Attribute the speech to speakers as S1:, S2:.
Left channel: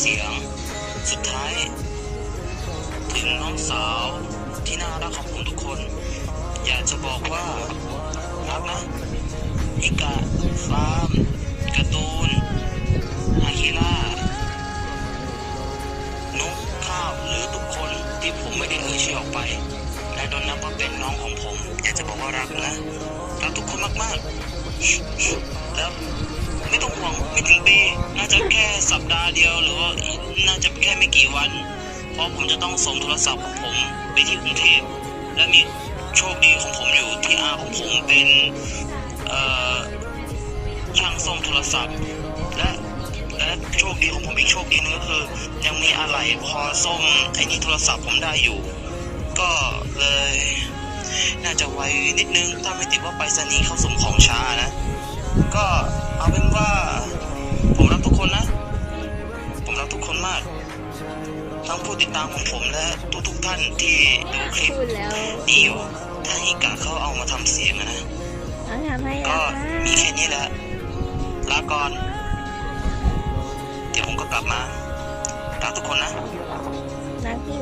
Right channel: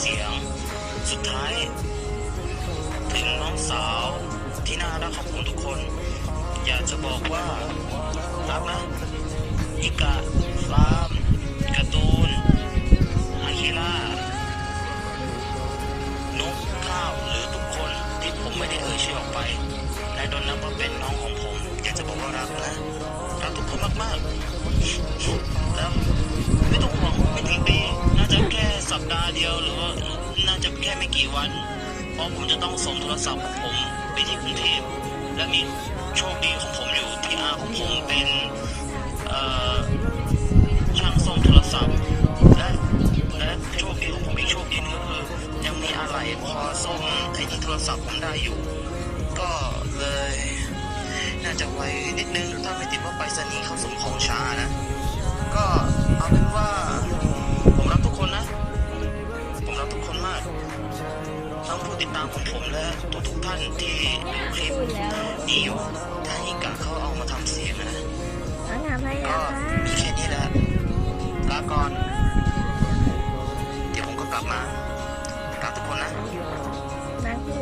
S1: เสียง สุดท้าย ถึงน้องสาวที่น่ารักของผมทุกคน อยากจะบอกว่ารักนะอิกะฟามการ์ตูนอาคิล่านกข้าวหรือทุกคนที่ผมไม่ได้เอ่ยชื่อออกไป และโดนนับว่าเป็นน้องของผม อยากจะบอกว่ารักนะรักทุกคนมากๆแล้ว น่าจะแค่สัปดาห์เดียวหรือว่าน่าจะแค่ไม่กี่วัน เพราะผมจะต้องส่งโทรศัพท์ของผมไปที่กรุงเทพและมีโชคดีของผมอยู่ที่อาของผมเป็นช่างซ่อมโทรศัพท์ และและโชคดีของผมอีกโชคดีหนึงก็คือ ยังมีอะไรพอซ่อมไอ้นี่โทรศัพท์ผมได้อยู่ ก็เลย น่าจะไวนิดนึงถ้าไม่ติดว่าไปรษณีย์เขาส่งของช้านะ ก็ มรักทุกคนมาก ทั้งผู้ติดตามของผมและทุกๆท่านที่ดูคลิปพูด
S2: แล้วนี่อยู่
S1: ถ้าฮิกะเขาเอามาทำเสียงอะนะ
S2: น้องทำให้ก็แล้วค่ะมีแค่
S1: นี้แหละลาก่อน เดี๋ยวผมก็กลับมารักทุกคนนะ
S2: รักพี่